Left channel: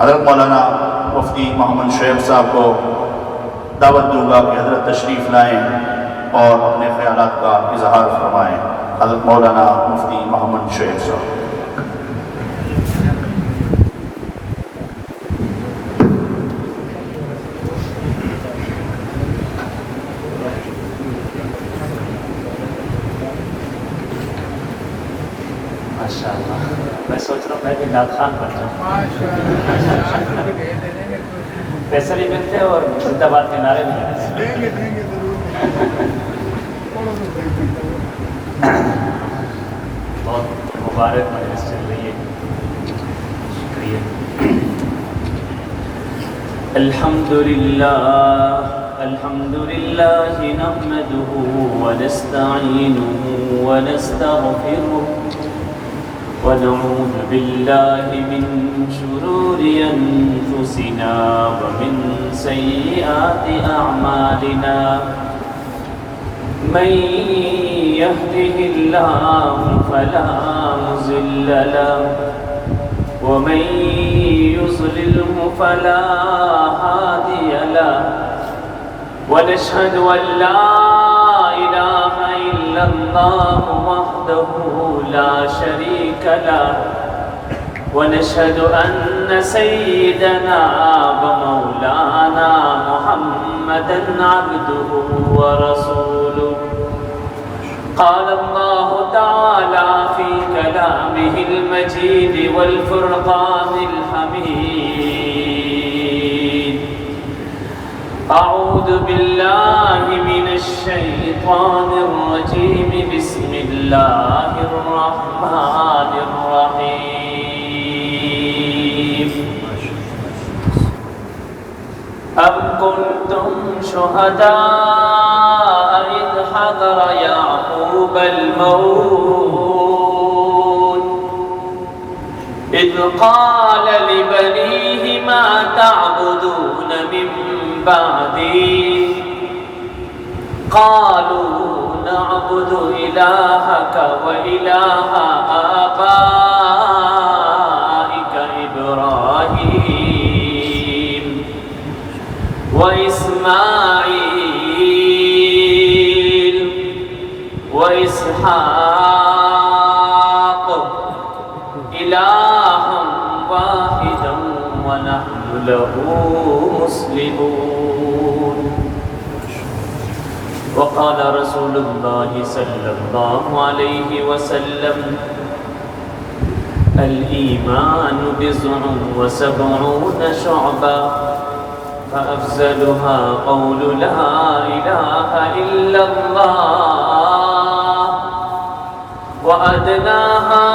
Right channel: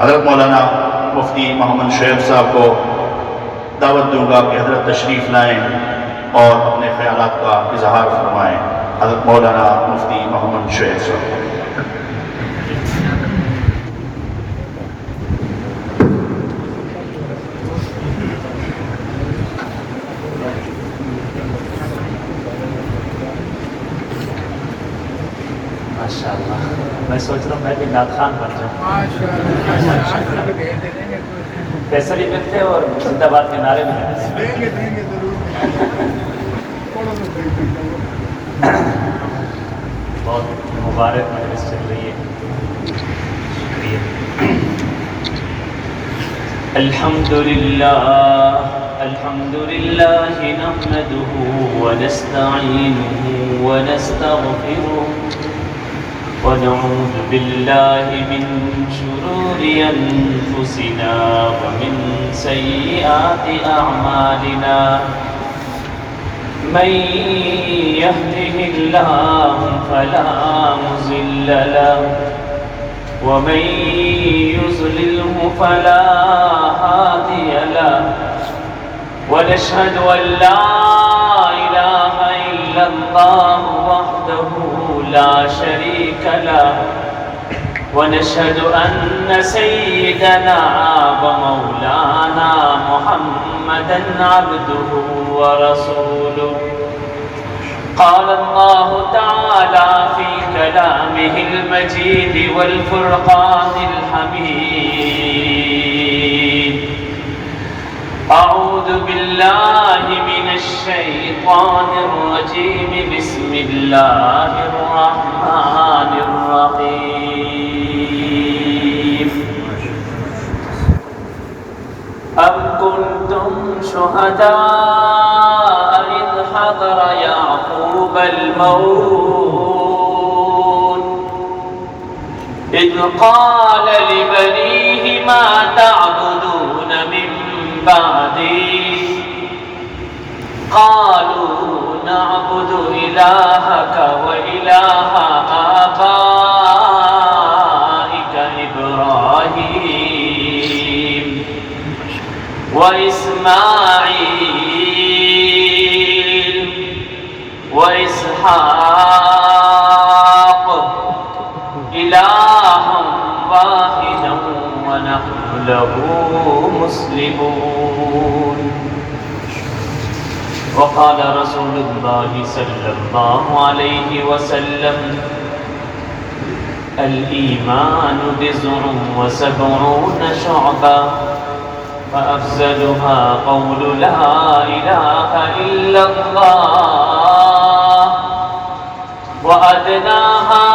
حضرت مولانا مفتی محمد شعیب صاحب کو دعوت دوں گا کہ حضرت تشریف لائیں اور اپنے خیالات کا اظہار فرمائیں۔ حضرت مولانا مفتی محمد شعیب صاحب۔ میں سوچ رہا ہوں میں بھی نعت خان بن جاؤں، پیسے بھی ملتے اور زندہ باد کے نعرے بھی ملتے۔ بہت مبارک مجلس چل رہی ہے، شکریہ۔ الحمد للہ نحمده ونستعینه ونستغفره ونعوذ بالله من شرور أنفسنا ومن سيئات أعمالنا، من يهده الله فلا مضل له ومن يضلله فلا هادي له، ونشهد أن لا إله إلا الله وحده لا شريك له، ونشهد أن سيدنا ومولانا محمدا عبده ورسوله۔ قال الله تعالى في كلامه المجيد والفرقان الحميد: أعوذ بالله من الشيطان الرجيم، بسم الله الرحمن الرحيم۔ أم كنتم شهداء إذ حضر يعقوب الموت إذ قال لبنيه ما تعبدون من بعدي، قالوا نعبد إلهك وإله آبائك إبراهيم وإسماعيل وإسحاق إلها واحدا ونحن له مسلمون۔ وقال رسول الله صلى الله عليه وسلم: الإيمان 79 شعبة، فأفضلها قول لا إله إلا الله، وأدناها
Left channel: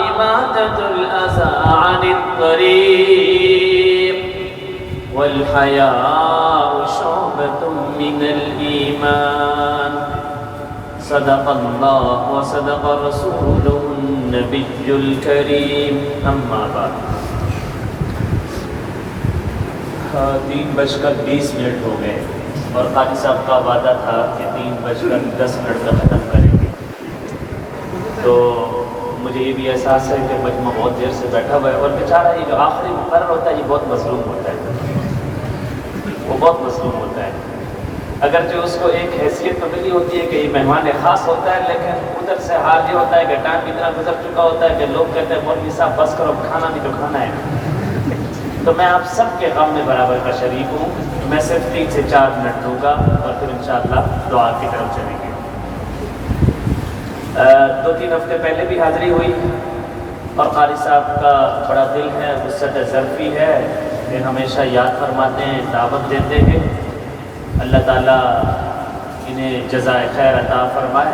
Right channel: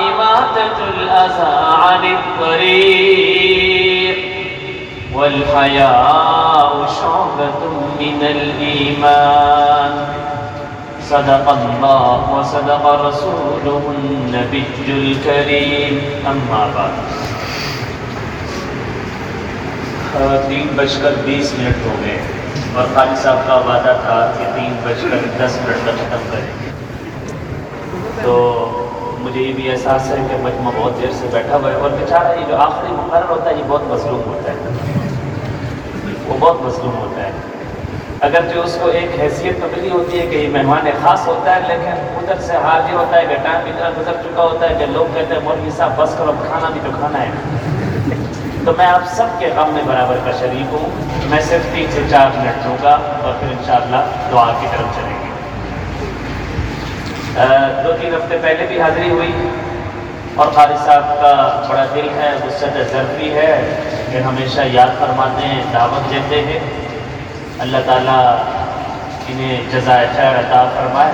إماتة الأذى عن الطريق، والحياء شعبة من الإيمان۔ صدق الله وصدق رسوله النبي الكريم، أما بعد۔ 3:20 ہو گئے اور قاری صاحب کا وعدہ تھا کہ 3:10 کا ختم کریں گے، تو مجھے یہ بھی احساس ہے کہ مجمع بہت دیر سے بیٹھا ہوا ہے، اور بیچارہ یہ جو آخری مقرر ہوتا ہے یہ بہت مظلوم ہوتا ہے، وہ بہت مظلوم ہوتا ہے۔ اگرچہ اس کو ایک حیثیت تو ملی ہوتی ہے کہ یہ مہمان خاص ہوتا ہے، لیکن ادھر سے حال یہ ہوتا ہے کہ ٹائم اتنا گزر چکا ہوتا ہے کہ لوگ کہتے ہیں مولوی صاحب بس کرو، کھانا بھی تو کھانا ہے۔ تو میں آپ سب کے غم میں برابر کا شریک ہوں، میں صرف 3 سے 4 منٹ دوں گا اور پھر انشاءاللہ دعا کی طرف چلیں گے۔ 2-3 ہفتے پہلے بھی حاضری ہوئی اور قاری صاحب کا بڑا دل ہے، وسعت ظرفی ہے، پھر ہمیشہ یاد فرماتے ہیں، دعوت دیتے ہیں۔ اللہ تعالیٰ انہیں جزائے خیر عطا فرمائے۔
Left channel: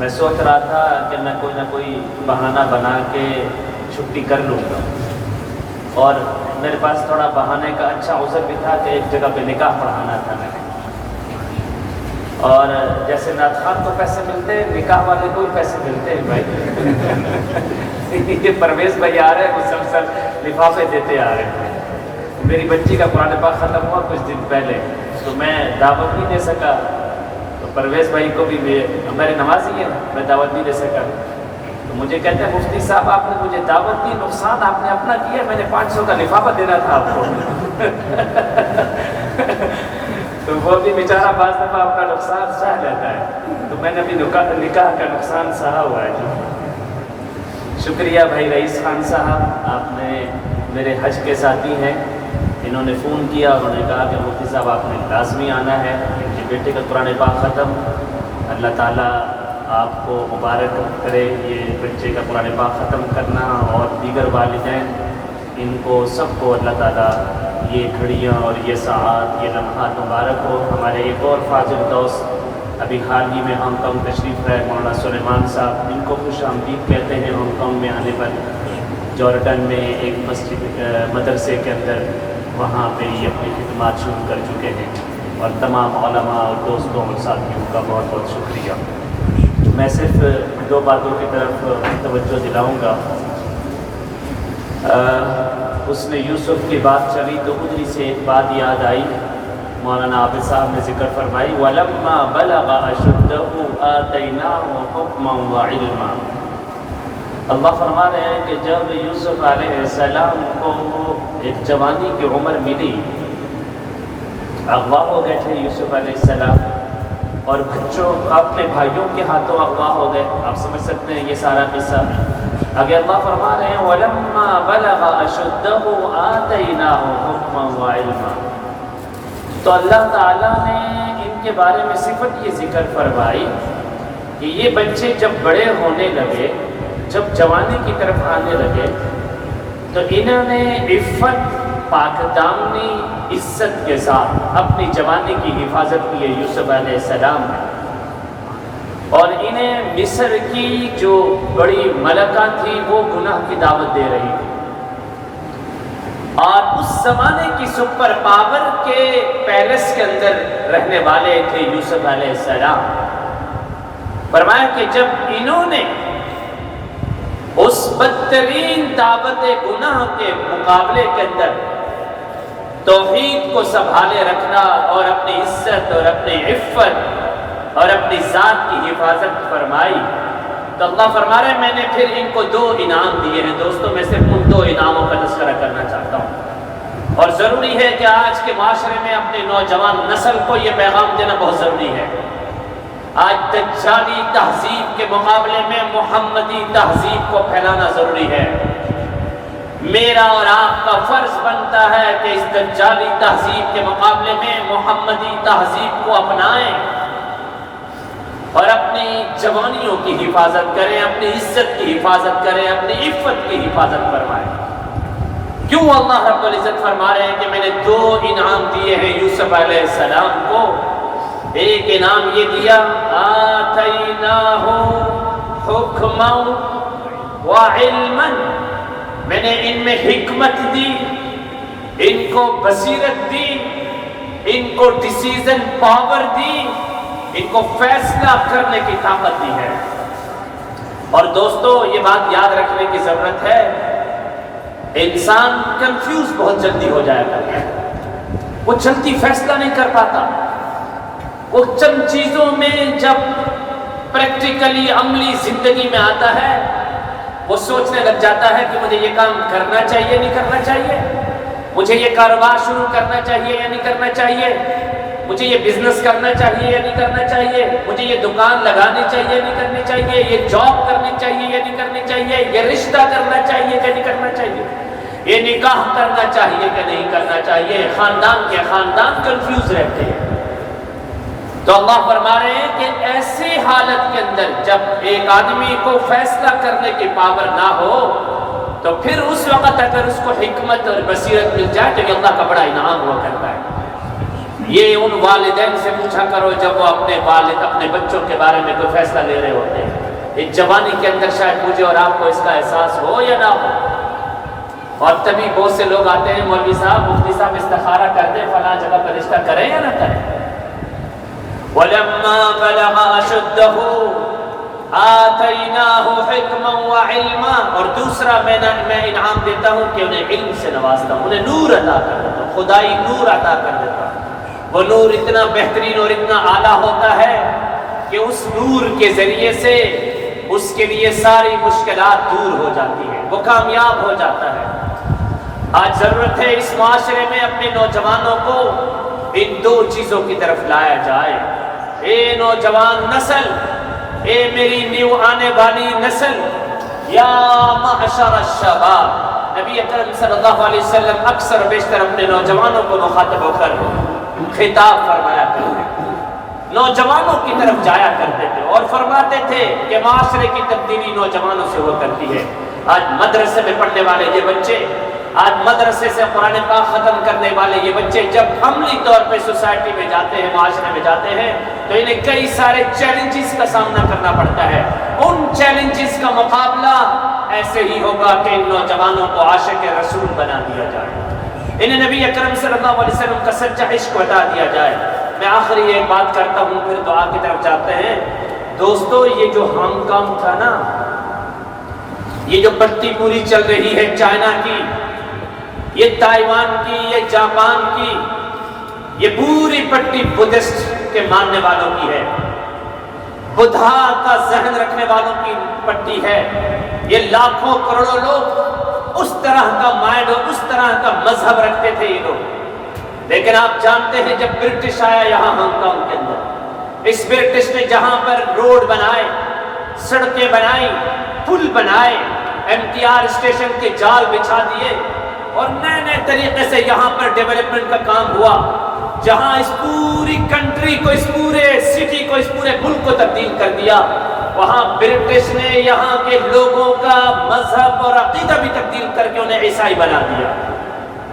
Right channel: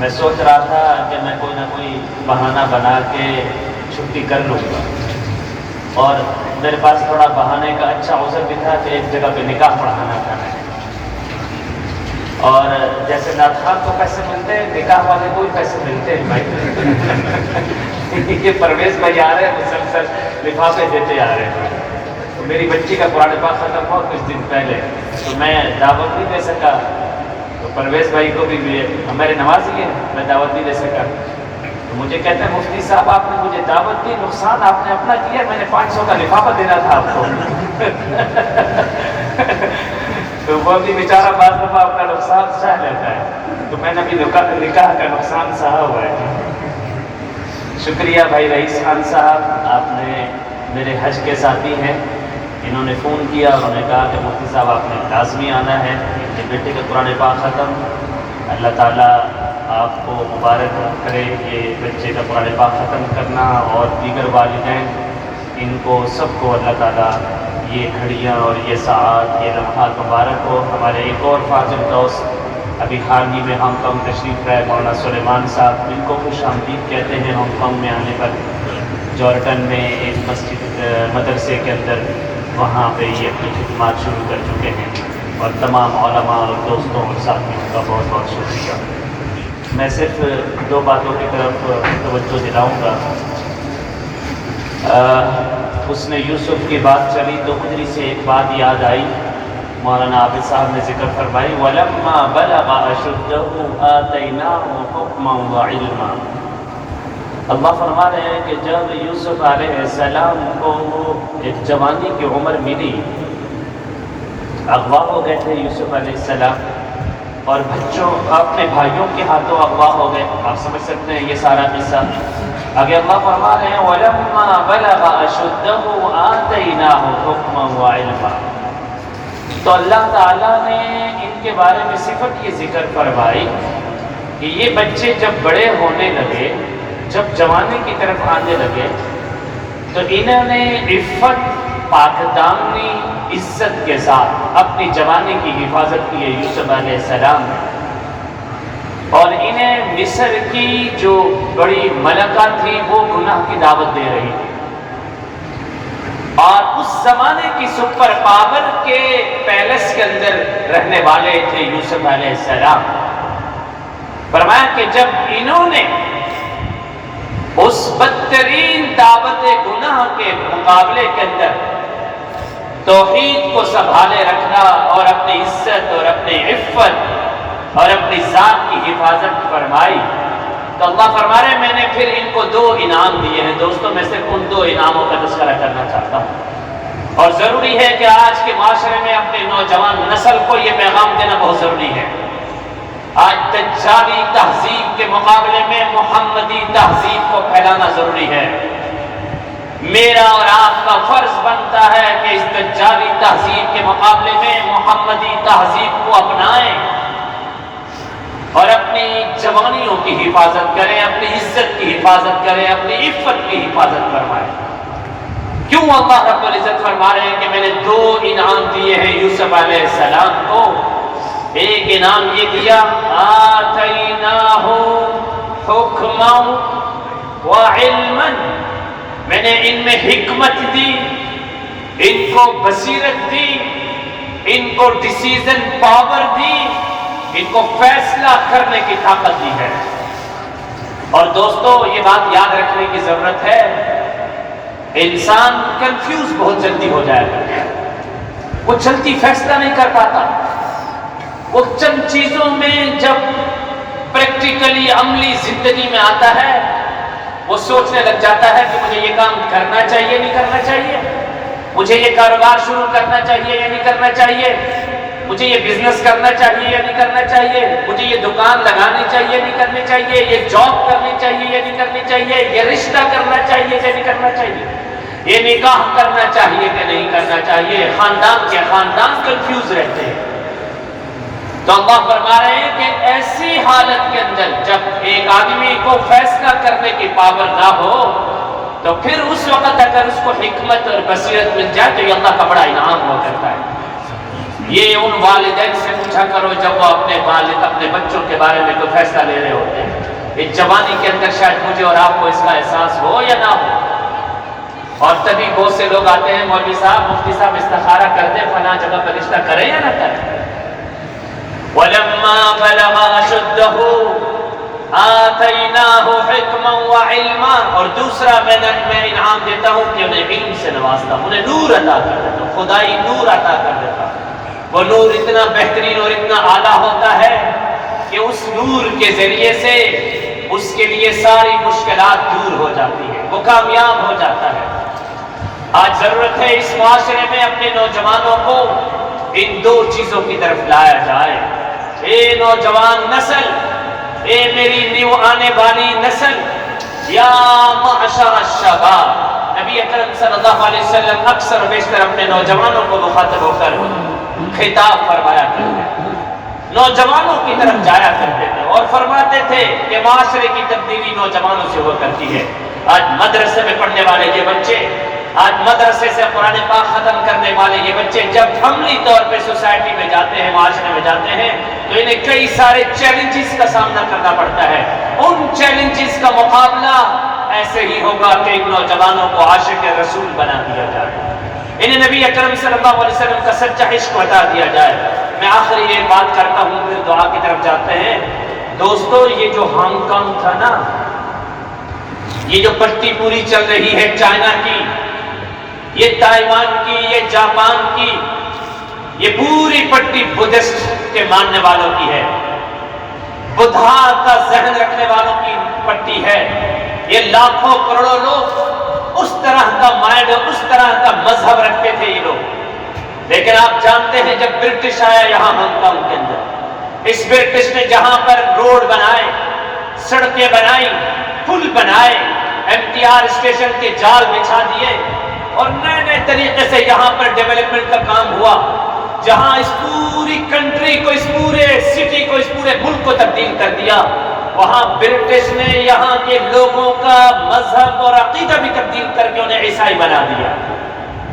میں سوچ رہا تھا کہ میں کوئی نہ کوئی بہانہ بنا کے چھٹی کر لوں گا، اور میرے پاس تھوڑا بہانے کا اچھا عذر بھی تھا کہ ایک جگہ پہ نکاح پڑھانا تھا میں نے، اور جیسے نعت خان کو پیسے ملتے ہیں، نکاح والے کو پیسے ملتے ہیں بھائی۔ یہ پرویز بھائی آ رہے ہیں، مسلسل لفافے دیتے آ رہے ہیں۔ میری بچی کا قرآن پاک ختم ہوا کچھ دن پہلے، تو میں دعوت نہیں دے سکا، تو پرویز بھائی کو بھی میرے نمازی ہے، میں دعوت نہیں دے سکا، تو مجھے کہتے ہیں مفتی صاحب آپ نے مجھے دعوت دی، نقصان آپ نے اپنا کیا، میں نے 500 کا لفافہ دینا تھا آپ کو تو وہ بھی بیچارہ بعض دفعہ اپنا نقصان سہ لیتا ہے، تو میں نے بھی نکاح کا نقصان سہا ہوا ہے۔ شکریہ بھائی رئیس خان صاحب، آپ نے میرے حج کے ساتھی ہیں، انہوں نے فون کیا، انہوں نے کہا کہ مفتی صاحب آپ نے لازمی آنا ہے، میرے بیٹے کا قرآن پاک ختم، اللہ تعالیٰ آپ کو مبارک کرے یہ بچے کا قرآن پاک ختم کرنا، اور دیگر والدین ان کو سب کو اللہ تعالیٰ یہ گھڑیاں اور یہ ساعات، یہ لمحات مبارک ہو۔ ہمارے ایک اور فاضل دوست ابھی حال ہی میں ہانگ کانگ تشریف لائے مولانا سلیمان صاحب، ان کو خوش آمدید کہتے ہیں ہانگ کانگ میں آنے پر۔ جارڈن میں ایک مسجد مدرسے کے اندر وہاں پہ یہ اپنی خدمات شروع کر چکے ہیں، اور تمام علماء اور دوستوں اور ساتھیوں کا بہت بہت شکریہ۔ میں صرف 2 باتوں کی طرف توجہ دلاؤں گا۔ اس نے یوسف کی بات چلی تو مجھے سے ایک بات یاد آئی، مولانا عابد صاحب نے ذکر فرمائی، وَلَمَّا بَلَغَ أَشُدَّهُ آتَيْنَاهُ حُكْمًا وَعِلْمًا۔ اللہ فرما رہے ہیں کہ جب یوسف علیہ السلام کو ایک جوانی کی عمر ملی، اغوا ہو گئے تھے یوسف علیہ السلام، اور بچوں اپنے بھائیوں کے ہاتھوں اغوا ہو گئے، آپ سمجھ سکتے ہیں یہ سارا قصہ۔ اگر اللہ فرما رہے ہیں وَلَمَّا بَلَغَ أَشُدَّهُ آتَيْنَاهُ حُكْمًا وَعِلْمًا، تو اللہ تعالیٰ نے ان کے بارے میں صفت یہ ذکر فرمائی کہ یہ بچے جب بڑے ہونے لگے، جب جوانی کی طرف آنے لگے، تو انہوں نے عفت، پاکدامنی، عزت کے ساتھ اپنی جوانی کی حفاظت کی ہے یوسف علیہ السلام نے۔ اور انہیں مصر کی جو بڑی ملکہ تھی وہ گناہ کی دعوت دے رہی تھی، اور اس زمانے کی سپر پاور کے پیلس کے اندر رہنے والے تھے یوسف علیہ السلام۔ فرمایا کہ جب انہوں نے اس بدترین دعوت گناہ کے مقابلے کے اندر توحید کو سنبھالے رکھنا، اور اپنی عزت اور اپنی عفت اور اپنی ذات کی حفاظت فرمائی، تو اللہ فرما رہے ہیں میں نے پھر ان کو 2 انعام دیے ہیں۔ دوستوں میں صرف ان 2 انعاموں کا تذکرہ کرنا چاہتا ہوں، اور ضروری ہے کہ آج کے معاشرے میں اپنے نوجوان نسل کو یہ پیغام دینا بہت ضروری ہے۔ آج دجالی تہذیب کے مقابلے میں محمدی تہذیب کو پھیلانا ضروری ہے۔ میرا اور آپ کا فرض بنتا ہے کہ اس دجالی تہذیب کے مقابلے میں محمدی تہذیب کو اپنائیں، اور اپنی جوانیوں کی حفاظت کریں، اپنی عزت کی حفاظت کریں، اپنی عفت کی حفاظت فرمائیں۔ کیوں اللہ رب العزت فرما رہے ہیں کہ میں نے 2 انعام دیے ہیں یوسف علیہ السلام کو۔ ایک انعام یہ دیا آتیناہ حکما وعلما، میں نے ان میں حکمت دی، ان کو بصیرت دی، ان کو ڈیسیژن پاور دی، ان کو فیصلہ کرنے کی طاقت دی ہے۔ اور دوستو یہ بات یاد رکھنے کی ضرورت ہے، انسان کنفیوز بہت جلدی ہو جائے گا، وہ جلدی فیصلہ نہیں کر پاتا، وہ چند چیزوں میں جب پریکٹیکلی عملی زندگی میں آتا ہے وہ سوچنے لگ جاتا ہے کہ مجھے یہ کام کرنا چاہیے نہیں کرنا چاہیے، مجھے یہ کاروبار شروع کرنا چاہیے یا نہیں کرنا چاہیے، مجھے یہ بزنس کرنا چاہیے یا نہیں کرنا چاہیے، مجھے یہ دکان لگانی چاہیے نہیں کرنی چاہیے، یہ جاب کرنی چاہیے یا نہیں کرنی چاہیے، یہ رشتہ کرنا چاہیے یا نہیں کرنا چاہیے، یہ نکاح کرنا چاہیے کہ نہیں کرنا چاہیے۔ خاندان کے خاندان کنفیوز رہتے ہیں۔ تو اللہ فرما رہے ہیں کہ ایسی حالت کے اندر جب ایک آدمی کو فیصلہ کرنے کی پاور نہ ہو تو پھر اس وقت اگر اس کو حکمت اور بصیرت مل جائے تو یہ اللہ کا بڑا انعام ہوا کرتا ہے۔ یہ ان والدین سے پوچھا کرو جب وہ اپنے بچوں کے بارے میں کوئی فیصلہ لے رہے ہوتے ہیں، اس جوانی کے اندر شاید مجھے اور آپ کو اس کا احساس ہو یا نہ ہو، اور تبھی بہت سے لوگ آتے ہیں مولوی صاحب مفتی صاحب استخارہ کر دیں فلاں جگہ پر رشتہ کریں یا نہ کریں۔ وَلَمَّا بَلَغَ أَشُدَّهُ آتَيْنَاهُ حِكْمًا وَعِلْمًا، اور دوسرا میں انعام دیتا ہوں کہ انہیں علم سے نوازتا ہوں، انہیں نور عطا کر دیتا ہوں، خدائی نور عطا کر دیتا ہوں۔ وہ نور اتنا بہترین اور اتنا اعلیٰ ہوتا ہے کہ اس نور کے ذریعے سے اس کے لیے ساری مشکلات دور ہو جاتی ہے، وہ کامیاب ہو جاتا ہے۔ آج ضرورت ہے اس معاشرے میں اپنے نوجوانوں کو ان دو چیزوں کی طرف لایا جائے۔ اے نوجوان نسل، اے میری نیو آنے والی نسل، یا معشر الشباب، نبی اکرم صلی اللہ علیہ وسلم اکثر و بیشتر اپنے نوجوانوں کو مخاطب ہو کر خطاب فرمایا کرتے تھے، نوجوانوں کی طرف جایا کرتے تھے اور فرماتے تھے کہ معاشرے کی تبدیلی نوجوانوں سے ہوا کرتی ہے۔ آج مدرسے میں پڑھنے والے یہ بچے، آج مدرسے سے قرآن پاک ختم کرنے والے یہ بچے جب عملی طور پہ سوسائٹی میں جاتے ہیں، معاشرے میں جاتے ہیں، تو انہیں کئی سارے چیلنجز کا سامنا کرنا پڑتا ہے۔ ان چیلنجز کا مقابلہ ایسے ہی ہوگا کہ ان نوجوانوں کو عاشق رسول بنا دیا جائے، انہیں نبی اکرم صلی اللہ علیہ وسلم کا سچا عشق بتا دیا جائے۔ میں آخری یہ بات کرتا ہوں، پھر دعا کی طرف جاتے ہیں۔ دوستو، یہ جو ہانگ کانگ تھا نا، یہ جو پٹی پوری چل رہی ہے چائنا کی، یہ تائیوان کی، یہ جاپان کی، یہ پوری پٹی بدھسٹ کے ماننے والوں کی ہے، بدھا کا ذہن رکھنے والوں کی پٹی ہے۔ یہ لاکھوں کروڑوں لوگ اس طرح کا مائنڈ اور اس طرح کا مذہب رکھتے تھے یہ لوگ۔ لیکن آپ جانتے ہیں جب برٹش آیا یہاں ہانگ کانگ کے اندر، اس برٹش نے جہاں پر روڈ بنائے، سڑکیں بنائی، پل بنائے، MTR اسٹیشن کے جال بچھا دیے اور نئے نئے طریقے سے یہاں پر ڈیولپمنٹ کا کام ہوا، جہاں اس پوری کنٹری کو، اس پورے سٹی کو، اس پورے ملک کو تبدیل کر دیا، وہاں برٹش نے یہاں کے لوگوں کا مذہب اور عقیدہ بھی تبدیل کر کے انہیں عیسائی بنا دیا۔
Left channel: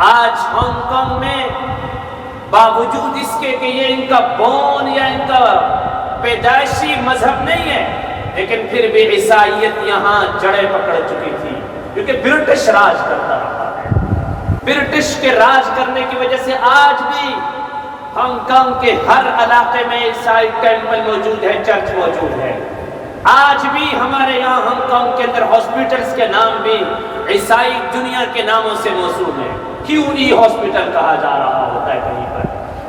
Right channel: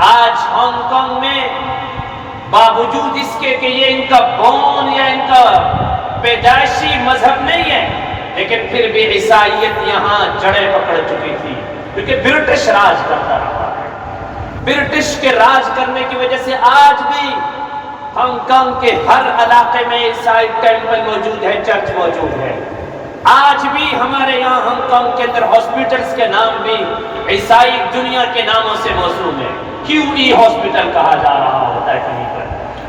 آج ہانگ کانگ میں باوجود اس کے کہ یہ ان کا بون یا ان کا پیدائشی مذہب نہیں ہے، لیکن پھر بھی عیسائیت یہاں جڑیں پکڑ چکی تھی، کیونکہ برٹش راج کرتا رہا ہے۔ برٹش کے راج کرنے کی وجہ سے آج بھی ہانگ کانگ کے ہر علاقے میں عیسائی ٹیمپل موجود ہے، چرچ موجود ہے۔ آج بھی ہمارے یہاں ہانگ کانگ کے اندر ہاسپٹلز کے نام بھی عیسائی دنیا کے ناموں سے موسوم ہے۔ QE ہاسپٹل کہا جا رہا ہوتا ہے،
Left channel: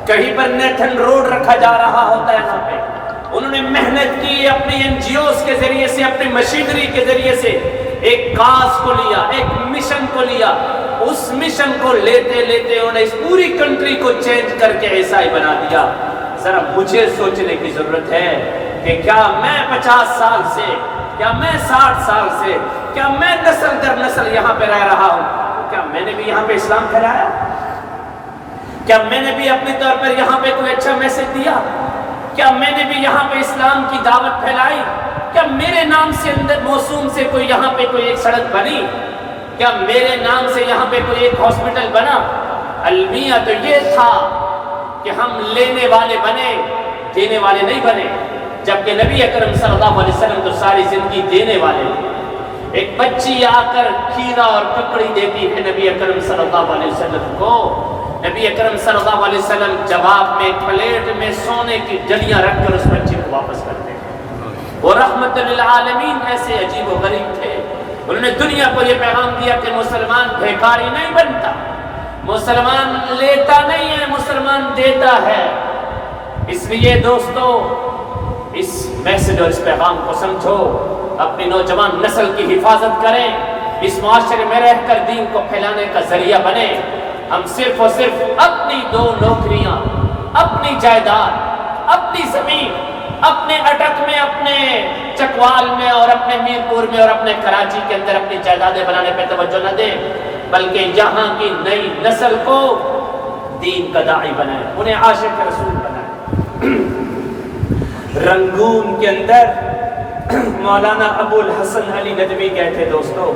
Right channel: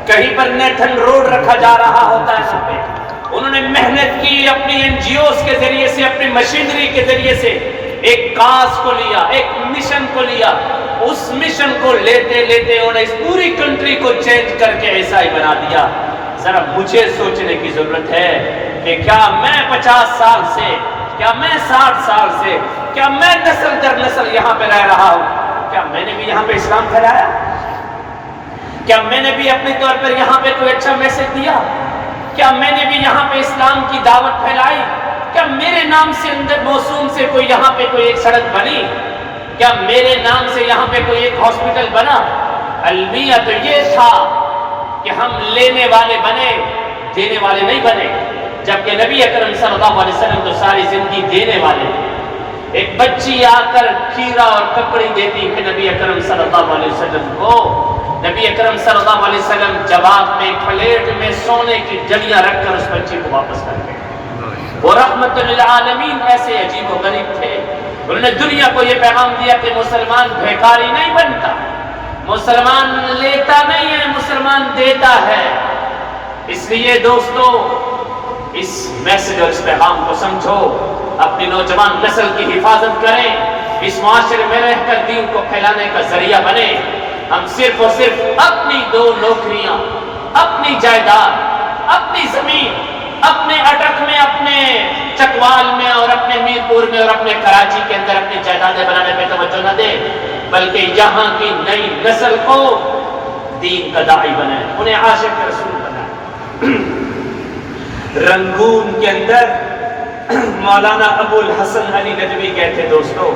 کہیں پر نیتھن روڈ رکھا جا رہا ہوتا ہے۔ یہاں پہ انہوں نے محنت کی، اپنی NGOs کے ذریعے سے، اپنی مشینری کے ذریعے سے ایک کاز کو لیا، ایک مشن کو لیا، اس مشن کو لیتے لیتے انہوں نے اس پوری کنٹری کو چینج کر کے عیسائی بنا دیا۔ ذرا مجھے سوچنے کی ضرورت ہے کہ کیا میں 50 سال سے، کیا میں 60 سال سے، کیا میں نسل در نسل یہاں پہ رہ رہا ہوں، کیا میں نے بھی یہاں پہ اسلام پھیلایا؟ کیا میں نے بھی اپنے طور پر یہاں پہ کوئی اچھا میسج دیا؟ کیا میں نے بھی یہاں پہ اسلام کی دعوت پھیلائی؟ کیا میرے نام سے اندر موسوم سے کوئی یہاں پہ کوئی ایک سڑک بنی؟ کیا میرے نام سے یہاں پہ کوئی ایک ہاسپٹل بنا؟ المیہ تو یہ تھا کہ ہم لینے والے بنے، دینے والے نہیں بنے، جبکہ نبی اکرم صلی اللہ علیہ وسلم تو ساری زندگی دینے والے تھے۔ ایک بچی آ کر کھیرا اور ککڑی دیتی ہے نبی اکرم صلی اللہ علیہ وسلم کو، نبی اکرم صلی اللہ علیہ وسلم جواب میں پلیٹ میں سونے کی ڈلیاں رکھ کر اس بچی کو واپس کرتے ہیں۔ وہ رحمت للعالمین ایسے عجیب و غریب تھے، انہوں نے دنیا کو یہ پیغام دیا کہ مسلمان بھیکاری نہیں بنتا، مسلمان لیتا نہیں ہے، مسلمان دیتا ہے۔ اس لیے دوستو، اس میسج اور اس پیغام کو سمجھو، اپنی نوجوان نسل کی حفاظت کریں، اس معاشرے میں رہ کر دین کو پھیلانے کا ذریعہ بنے۔ ہم صرف اور صرف اپنی 2 نوکریاں، اپنی جائیداد، اپنی زمین، اپنے اٹک میں، اپنے چکوال میں اور اپنے میرپور میں اور اپنے کراچی کے اندر اپنی جائیدادیں بنانے پہ توجہ نہ دیں، بلکہ یہاں کی نئی نسل کو دین کا داعی بنائیں، انہیں عاشق رسول بنائیں۔ رنگون کے اندر مولانا ابو الحسن علی ندوی کہتے دوستو،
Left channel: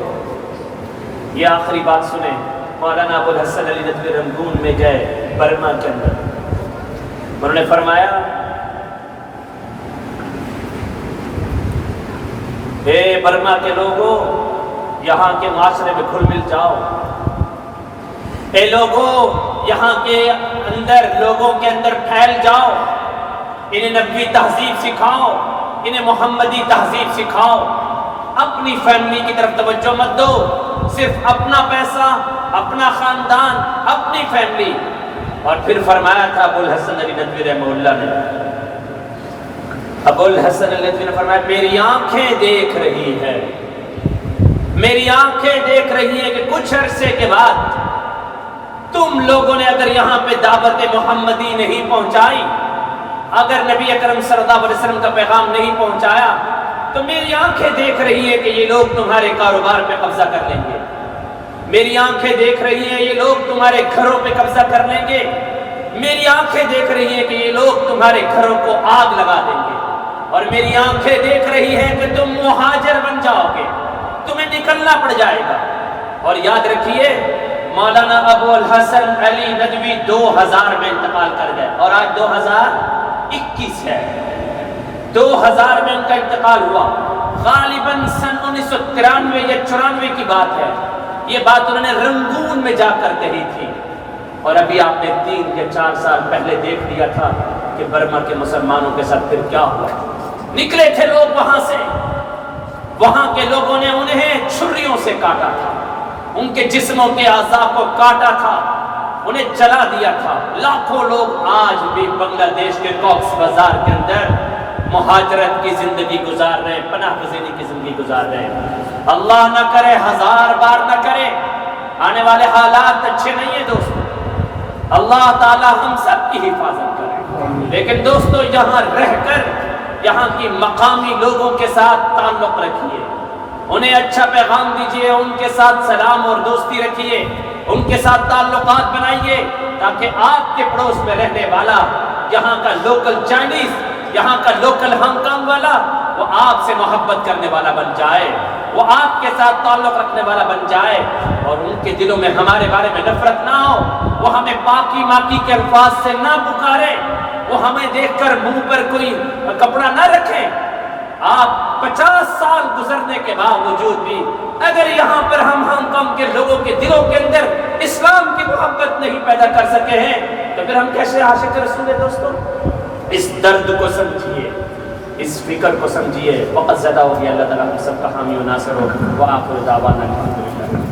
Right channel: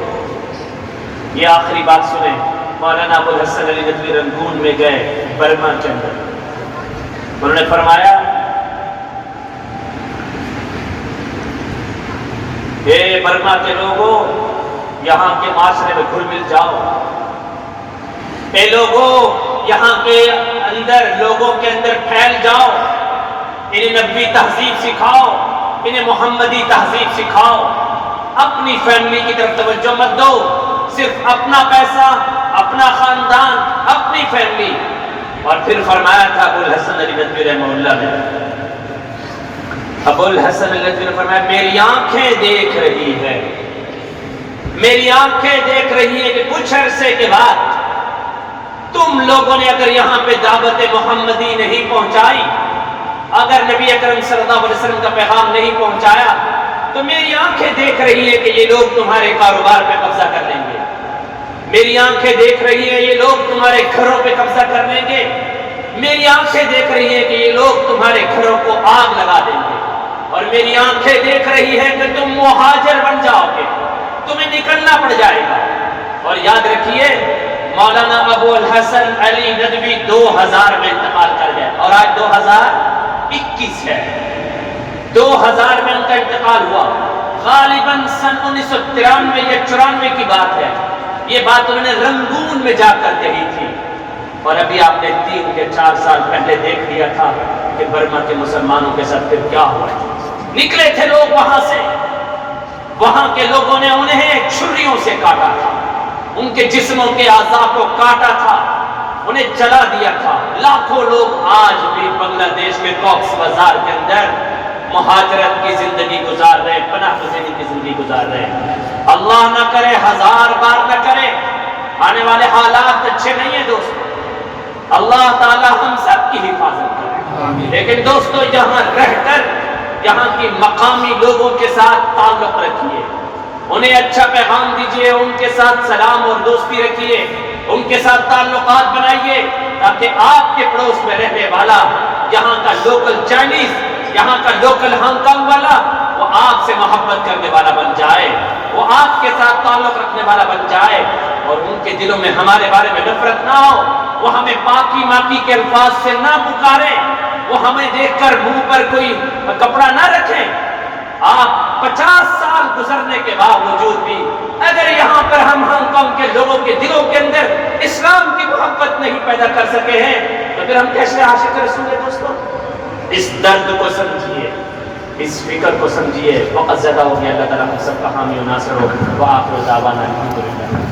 یہ آخری بات سنیں، مولانا ابو الحسن علی ندوی رنگون میں گئے، برما کے اندر، انہوں نے فرمایا، اے برما کے لوگوں، یہاں کے معاشرے میں گھل مل جاؤ، اے لوگوں یہاں کے اندر، لوگوں کے اندر پھیل جاؤ، انہیں نبوی تہذیب سکھاؤ، انہیں محمدی تہذیب سکھاؤ، اپنی فیملی کی طرف توجہ مت دو، صرف اپنا پیسہ، اپنا خاندان، اپنی فیملی۔ اور پھر فرمایا تھا ابو الحسن علی ندوی رحمہ اللہ نے، ابو الحسن الندوی نے فرمایا میری آنکھیں دیکھ رہی ہے، میری آنکھیں دیکھ رہی ہے کہ کچھ عرصے کے بعد تم لوگوں نے اگر یہاں پہ دعوت محمدی نہیں پہنچائی، اگر نبی اکرم صلی اللہ علیہ وسلم کا پیغام نہیں پہنچایا، تو میری آنکھیں دیکھ رہی ہے کہ یہ لوگ تمہارے کاروبار پہ قبضہ کر لیں گے، میری آنکھیں دیکھ رہی ہے یہ لوگ تمہارے گھروں پہ قبضہ کر لیں گے، میری آنکھیں دیکھ رہی ہے کہ یہ لوگ تمہارے گھروں کو آگ لگا دیں گے، اور میری آنکھیں دیکھ رہی ہے کہ تم مہاجر بن جاؤ گے، تمہیں نکلنا پڑ جائے گا۔ اور یاد رکھیے مولانا ابو الحسن علی ندوی 2000 میں انتقال کر گئے، اور آج 2021 ہے، 2000 میں ان کا انتقال ہوا، غالباً سن 1993 یا 94 کی بات ہے، یہ بات انہوں نے رنگون میں جا کر کہی تھی، اور ابھی آپ نے 3 یا 4 سال پہلے دیکھ لیا تھا کہ برما کے مسلمانوں کے ساتھ پھر کیا ہوا۔ نکلے تھے لوگ وہاں سے، وہاں کے لوگوں نے انہیں چھریوں سے کاٹا تھا، ان کے جسموں کے اعضاء کو کاٹا تھا، انہیں جلا دیا تھا۔ لاکھوں لوگ آج بھی بنگلہ دیش کے کوکس بازار کے اندر مہاجرت کی زندگی گزار رہے، پناہ گزینی کی زندگی گزار رہے۔ اللہ نہ کرے، 1000 بار نہ کرے، آنے والے حالات اچھے نہیں ہیں دوستو، اللہ تعالی ہم سب کی حفاظت کرے۔ لیکن دوستو یہاں رہ کر یہاں کی مقامی لوگوں کے ساتھ تعلق رکھیے، انہیں اچھا پیغام دیجیے، ان کے ساتھ سلام اور دوستی رکھیے، ان کے ساتھ تعلقات بنائیے، تاکہ آپ کے پڑوس میں رہنے والا یہاں کا لوکل چائنیز، یہاں کا لوکل ہانگ کانگ والا، وہ آپ سے محبت کرنے والا بن جائے، وہ آپ کے ساتھ تعلق رکھنے والا بن جائے، اور ان کے دلوں میں ہمارے بارے میں نفرت نہ ہو، وہ ہمیں پاکی ماکی کے الفاظ سے نہ پکارے، وہ ہمیں دیکھ کر منہ پر کوئی کپڑا نہ رکھیں۔ آپ 50 سال گزرنے کے باوجود بھی اگر یہاں پر ہم ہانگ کانگ کے لوگوں کے دلوں کے اندر اسلام کی محبت نہیں پیدا کر سکے ہیں، تو پھر ہم کیسے عاشق رسول ہیں دوستوں؟ اس درد کو سمجھیے، اس فکر کو سمجھیے، وقت زیادہ ہو گیا، اللہ تعالیٰ ہم سب کا حامی و ناصر ہو، وآخر دعوانا الحمدللہ۔